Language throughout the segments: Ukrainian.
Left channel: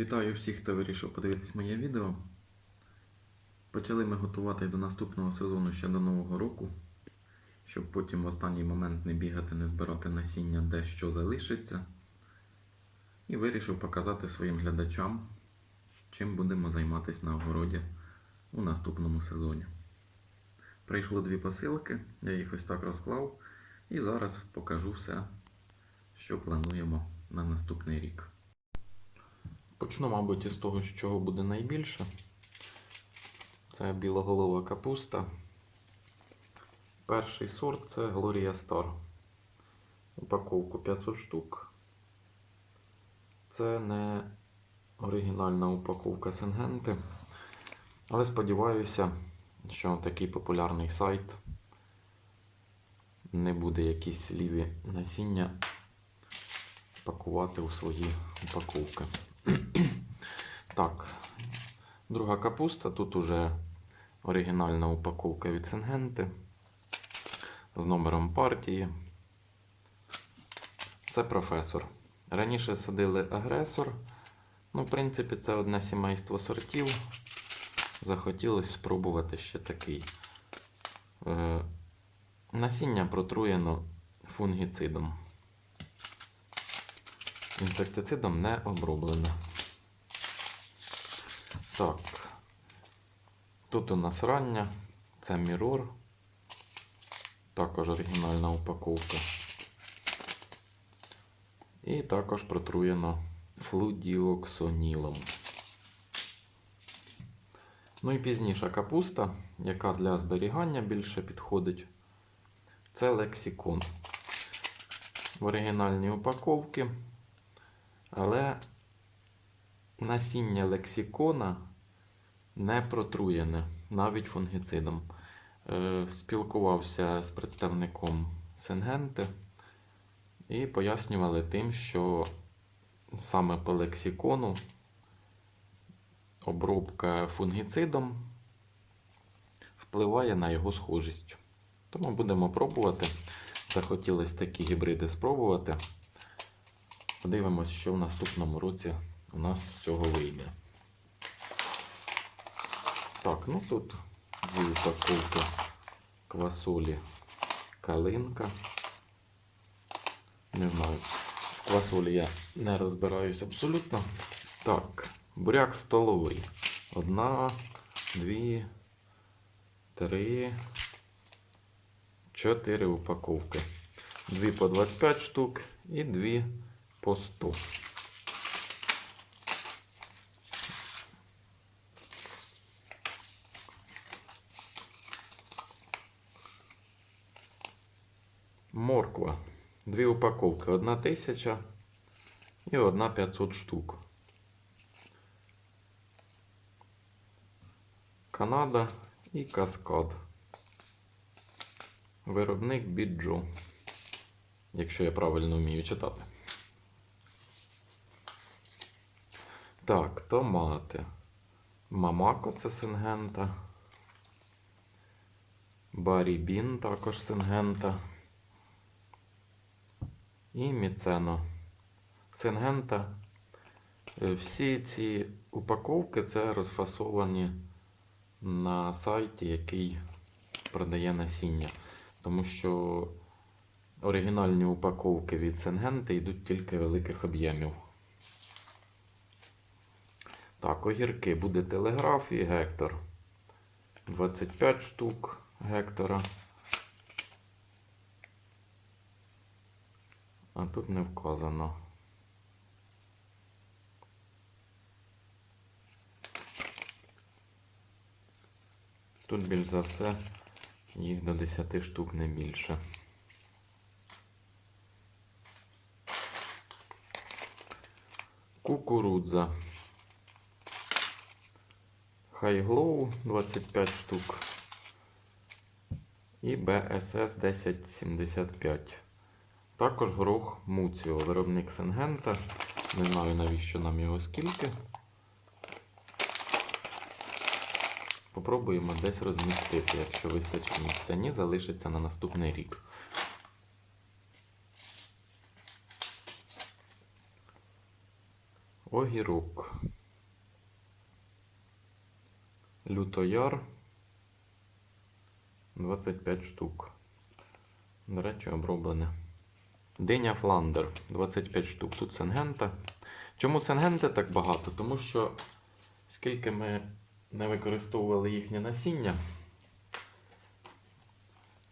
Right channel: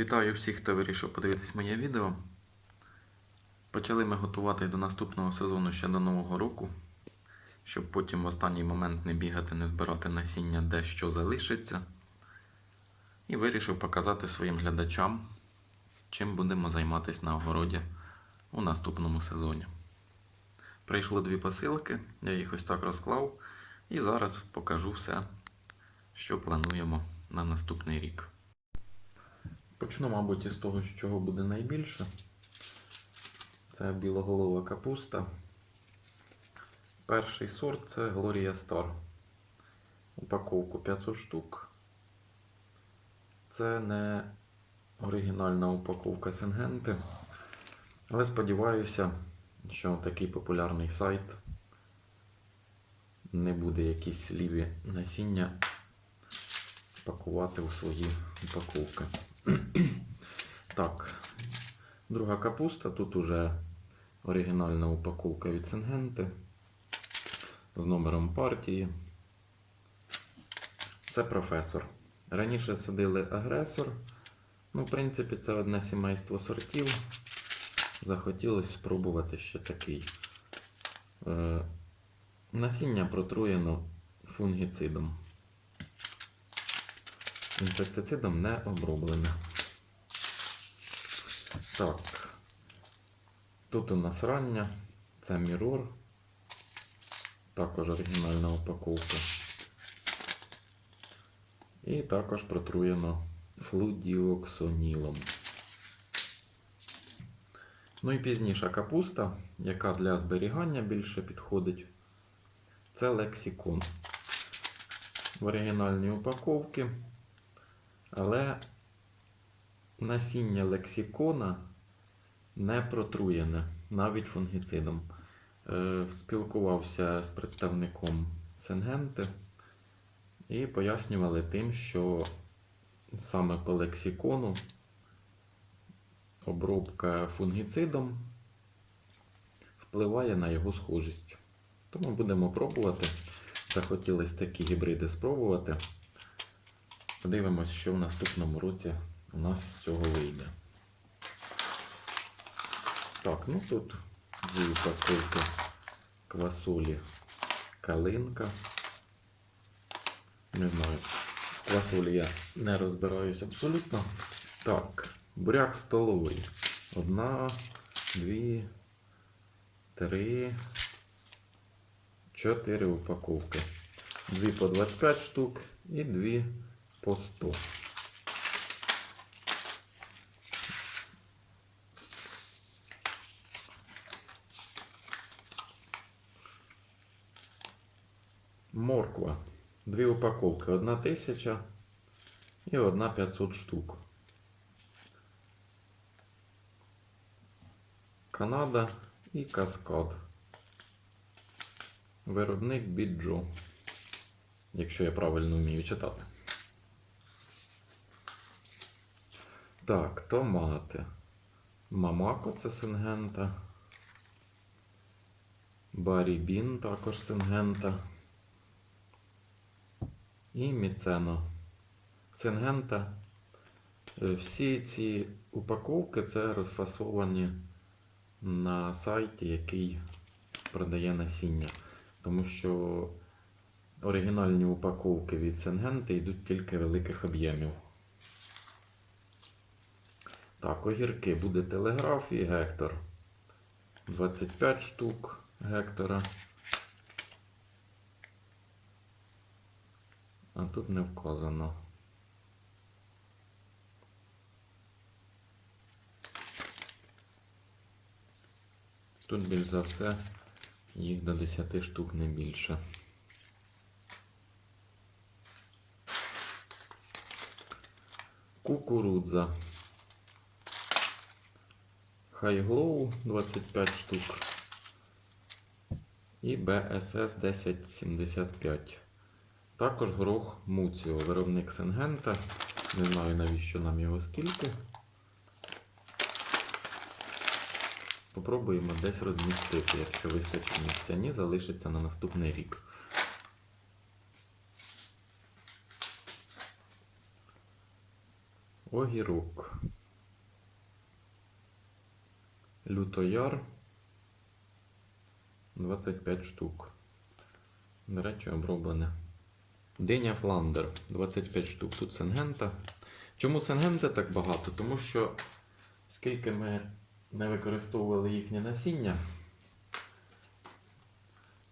Вітаю всіх, хто вирішив подивитись моє відео. Почали ми готувати до наступного сезону ще до Нового року, щоб потім в останній момент не бігати, не збирати насіння, де що залишиться. І вирішив показати своїм глядачам, чим будемо займатися на огороді у наступному сезоні. Прийшло дві посилки, я їх ось так розклав, і зараз покажу все, що плануємо на наступний рік. Почну, мабуть, із того, з чого буде найбільше. Це білоголова капуста. Перший сорт це Gloria Star. Упаковку 500 штук. Це не оригінальна упаковка Сенгенти. Але сподіваюся, що такий популярний сайт не буде якісь ліві насіння пакувати у свої упаковки. Так, друга капуста. Тут уже оригінальна упаковка від Сингенти з номером партії. Це професор. Раніше садили агресор. Ну, в принципі, це одне сімейство сортів. Захотілося спробувати ще такий. Е, насіння протруєно фунгіцидом. Інсектицидом не оброблене. Так. Тут у нас рання, це Mirror. Також оригінальна упаковка. І також протруєно флудіоксонілом. Ну і пізніша капуста, яка для зберігання більше підходить. Це лексикон. В оригінальній упаковці. Але насіння лексикона не протруєне навіть фунгіцидом. Е, Спілкувався з представником Сенгенти і пояснювали тим, що саме по лексикону обробка фунгіцидом впливає на його схожість. Тому будемо пробувати. Захотілося такі гібриди спробувати. Подивимось, що в наступному році у нас з цього вийде. Так, ну тут дві упаковки квасолі калинка. Не знаю, квасолі я не розбираюсь абсолютно. Так, буряк столовий. Одна, дві, три, чотири упаковки. Дві по 25 штук і дві по 100. Морква. Дві упаковки. Одна тисяча і одна 500 штук. Канада і Каскад. Виробник Біджо. Якщо я правильно вмію читати. Так, томати. Мамако це сингента. Барібін також сингента. І міцено. Сингента. Е, Всі ці упаковки це розфасовані на сайті, який продає насіння. Тому що оригінальні упаковки від Сингенти йдуть тільки великих об'ємів. Так, огірки буде телеграф і гектор. 25 штук гектора. А тут не вказано. Тут більш за все їх до 10 штук не більше. Кукурудза. Хайглоу 25 штук. І BSS 1075. Також горох Муціо, виробник Сенгента. Не знаю навіщо нам його скільки. Попробуємо десь розмістити, якщо вистачить місця. Ні, залишиться на наступний рік. Огірок. Лютояр. 25 штук. До речі, оброблене. Диня Фландер 25 штук. Тут сенгента. Чому сенгенти так багато? Тому що скільки ми не використовували їхнє насіння,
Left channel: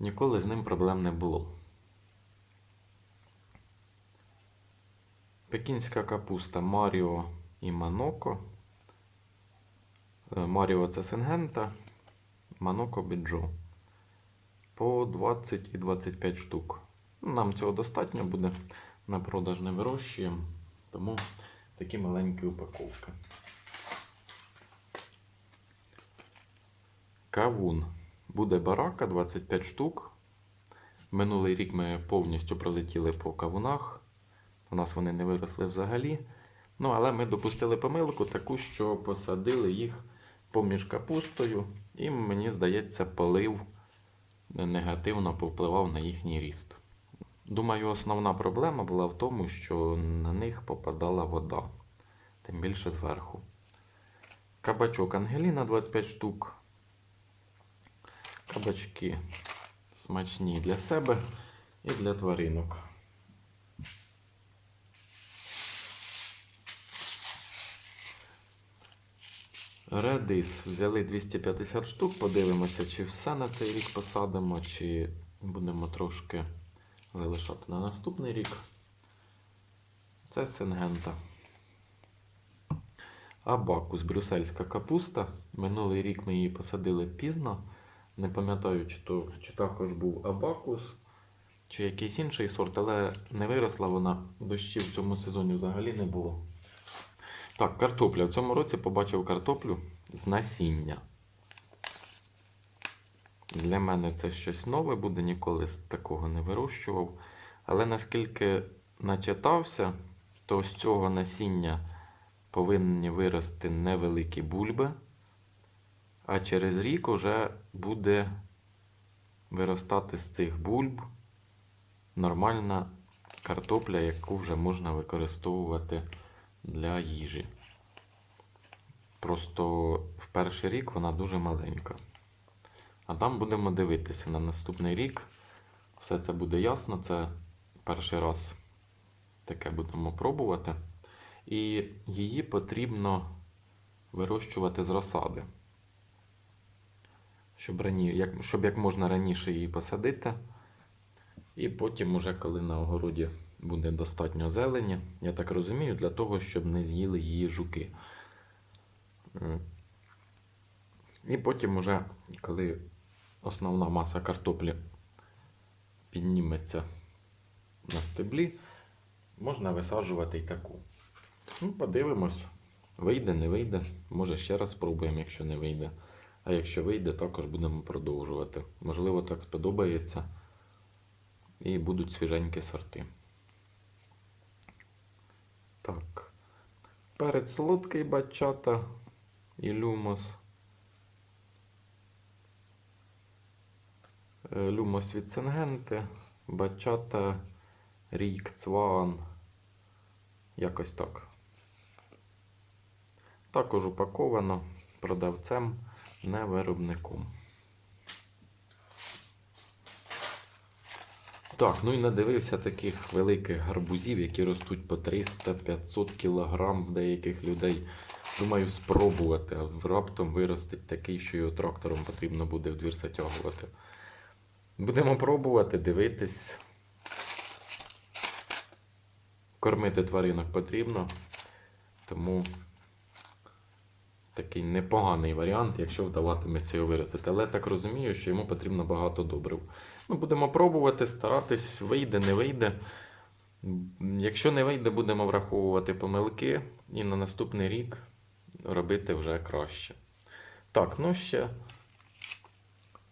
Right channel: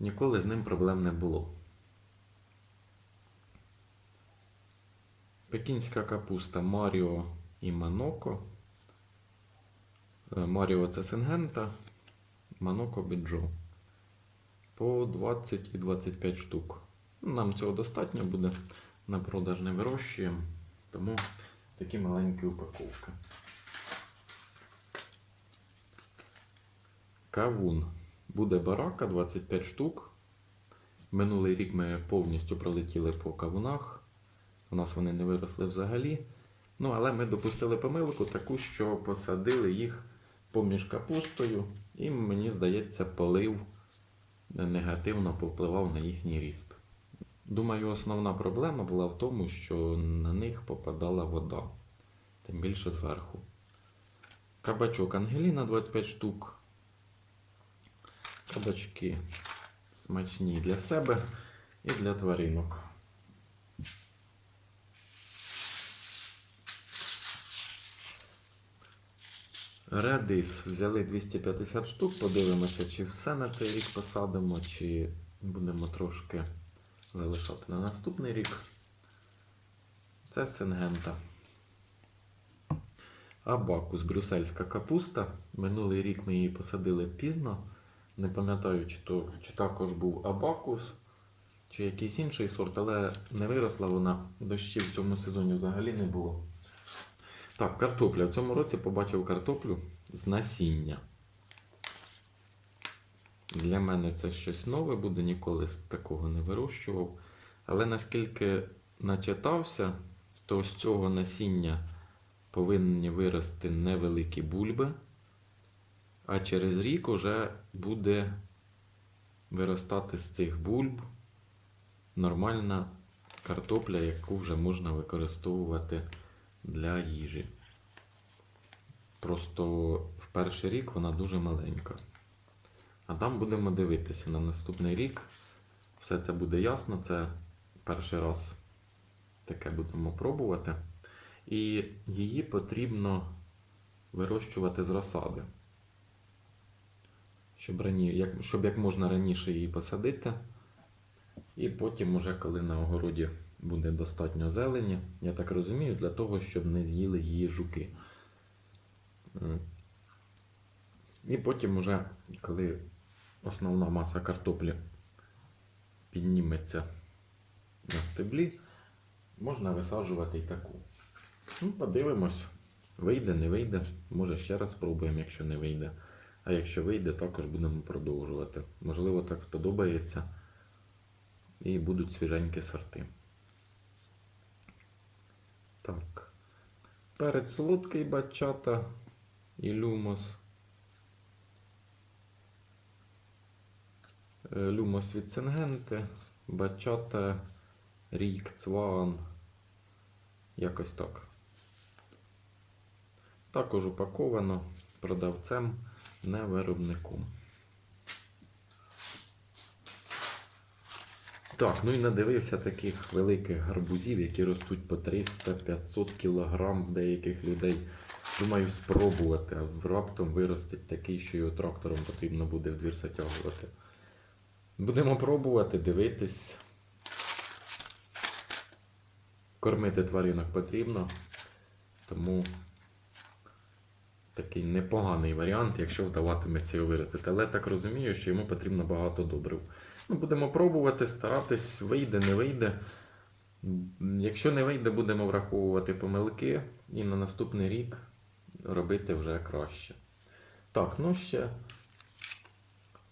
ніколи з ним проблем не було. Пекінська капуста Маріо і Маноко. Маріо це сенгента, Маноко біджо. По 20 і 25 штук. Нам цього достатньо буде. На продаж не вирощуємо, тому такі маленькі упаковки. Кавун. Буде барака 25 штук. Минулий рік ми повністю пролетіли по кавунах. У нас вони не виросли взагалі. Ну, але ми допустили помилку таку, що посадили їх поміж капустою, і мені здається, полив негативно повпливав на їхній ріст. Думаю, основна проблема була в тому, що на них попадала вода, тим більше зверху. Кабачок Ангеліна 25 штук. Кабачки смачні для себе і для тваринок. Редис взяли 250 штук, подивимося, чи все на цей рік посадимо, чи будемо трошки залишати на наступний рік. Це сингента. Абакус, брюссельська капуста. Минулий рік ми її посадили пізно. Не пам'ятаю, чи, то, чи також був абакус, чи якийсь інший сорт, але не виросла вона. Дощів в цьому сезоні взагалі не було. Так, картопля. В цьому році побачив картоплю з насіння. Для мене це щось нове буде, ніколи такого не вирощував. Але наскільки начитався, то з цього насіння повинні вирости невеликі бульби, а через рік уже буде виростати з цих бульб нормальна картопля, яку вже можна використовувати для їжі. Просто в перший рік вона дуже маленька. А там будемо дивитися на наступний рік. Все це буде ясно. Це перший раз таке будемо пробувати. І її потрібно вирощувати з розсади. Щоб, рані... як... щоб як можна раніше її посадити. І потім, уже коли на огороді буде достатньо зелені, я так розумію, для того, щоб не з'їли її жуки. І потім, уже, коли основна маса картоплі підніметься на стеблі, можна висаджувати і таку. Ну, подивимось, вийде, не вийде. Може ще раз спробуємо, якщо не вийде. А якщо вийде, також будемо продовжувати. Можливо, так сподобається. І будуть свіженькі сорти. Так. Перець солодкий бачата і люмос. Е, Люмос від Сенгенти, бачата, рік, цван. Якось так. Також упаковано продавцем, не виробником. Так, ну і надивився таких великих гарбузів, які ростуть по 300-500 кг в деяких людей. Думаю, спробувати, а раптом виростить такий, що його трактором потрібно буде в двір затягувати. Будемо пробувати, дивитись. Кормити тваринок потрібно, тому такий непоганий варіант, якщо вдаватиметься його виростити. Але так розумію, що йому потрібно багато добрив. Ну, будемо пробувати, старатись, вийде, не вийде. Якщо не вийде, будемо враховувати помилки і на наступний рік робити вже краще. Так, ну ще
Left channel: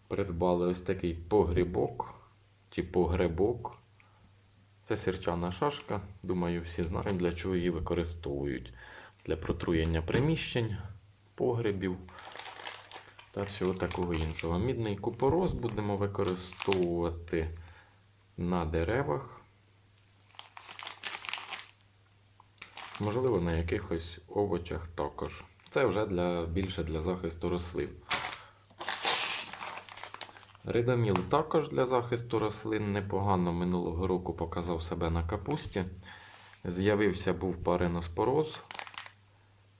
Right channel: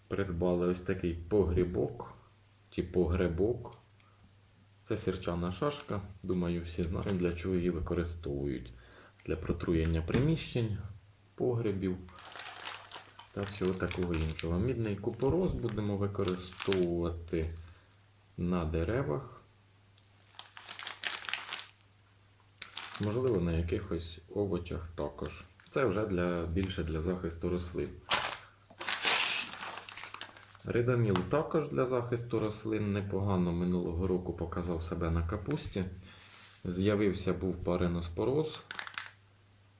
придбали ось такий погрібок чи погребок. Це сірчана шашка. Думаю, всі знають, для чого її використовують. Для протруєння приміщень, погребів та всього такого іншого. Мідний купорос будемо використовувати на деревах. можливо, на якихось овочах також. Це вже для, більше для захисту рослин. Ридоміл також для захисту рослин непогано минулого року показав себе на капусті. З'явився був париноспороз.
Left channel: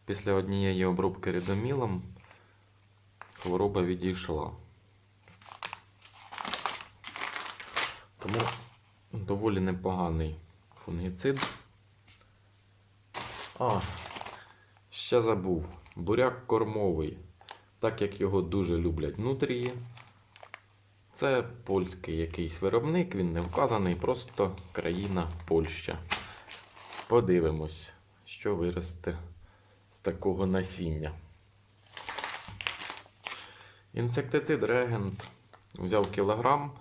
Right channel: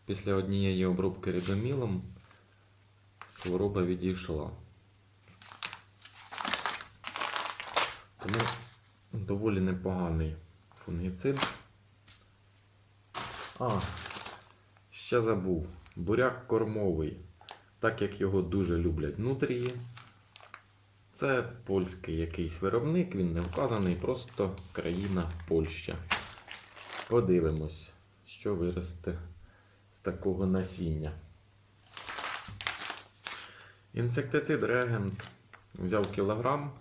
Після однієї обробки ридомілом хвороба відійшла. Тому доволі непоганий фунгіцид. А, ще забув. Буряк кормовий. Так як його дуже люблять нутрії. Це польський якийсь виробник, він не вказаний, просто країна Польща. Подивимось, що виросте з такого насіння. Інсектицид регент взяв кілограм.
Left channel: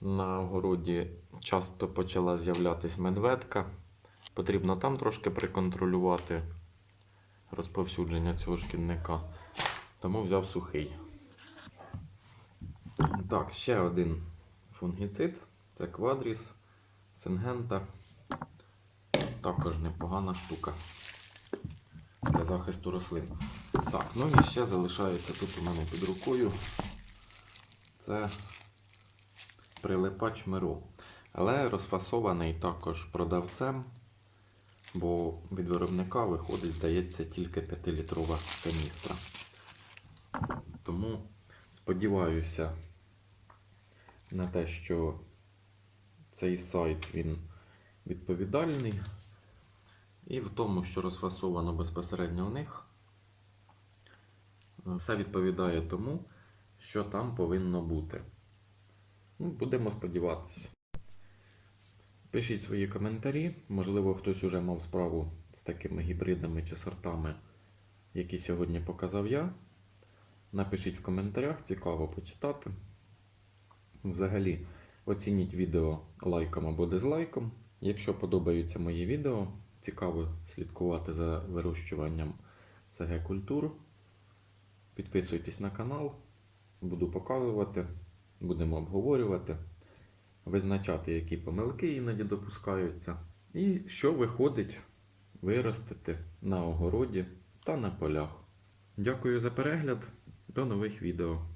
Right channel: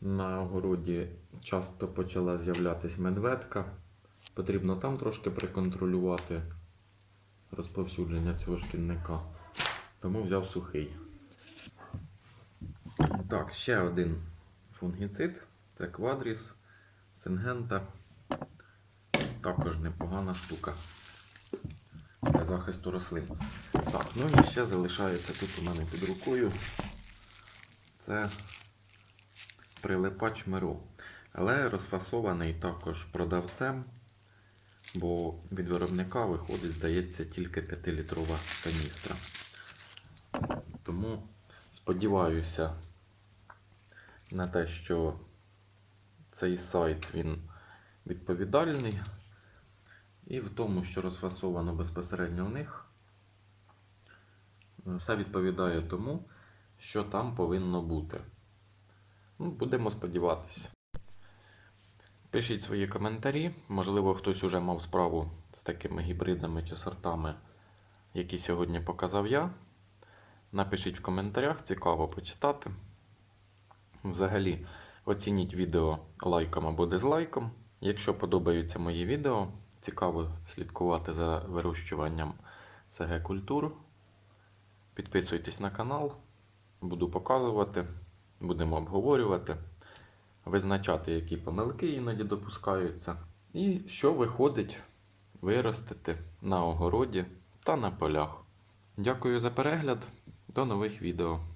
На городі часто почала з'являтися медведка. Потрібно там трошки приконтролювати розповсюдження цього шкідника. Тому взяв сухий. Так, ще один фунгіцид. Це квадріс, сингента. Також непогана штука для захисту рослин. Так, ну і ще залишається тут у мене під рукою. Це прилипач Миро. Але розфасований також продавцем, бо від виробника виходить, здається, тільки 5-літрова каністра. Тому сподіваюся на те, що цей сайт він відповідальний. І в тому, що розфасовано безпосередньо в них, все відповідає тому, що там повинно бути. Ну, будемо сподіватися. Пишіть свої коментарі. Можливо, хтось уже мав справу з такими гібридами чи сортами, які сьогодні показав я. Напишіть в коментарях, цікаво почитати. Взагалі, оцініть відео лайком або дизлайком. Якщо подобаються мої відео, цікаво слідкувати за вирощуванням СГ культур. Підписуйтесь на канал, буду показувати, будемо обговорювати, визначати, які помилки іноді допускаються, і що виходить виростити на огороді та на полях. Дякую за перегляд, до нових відео.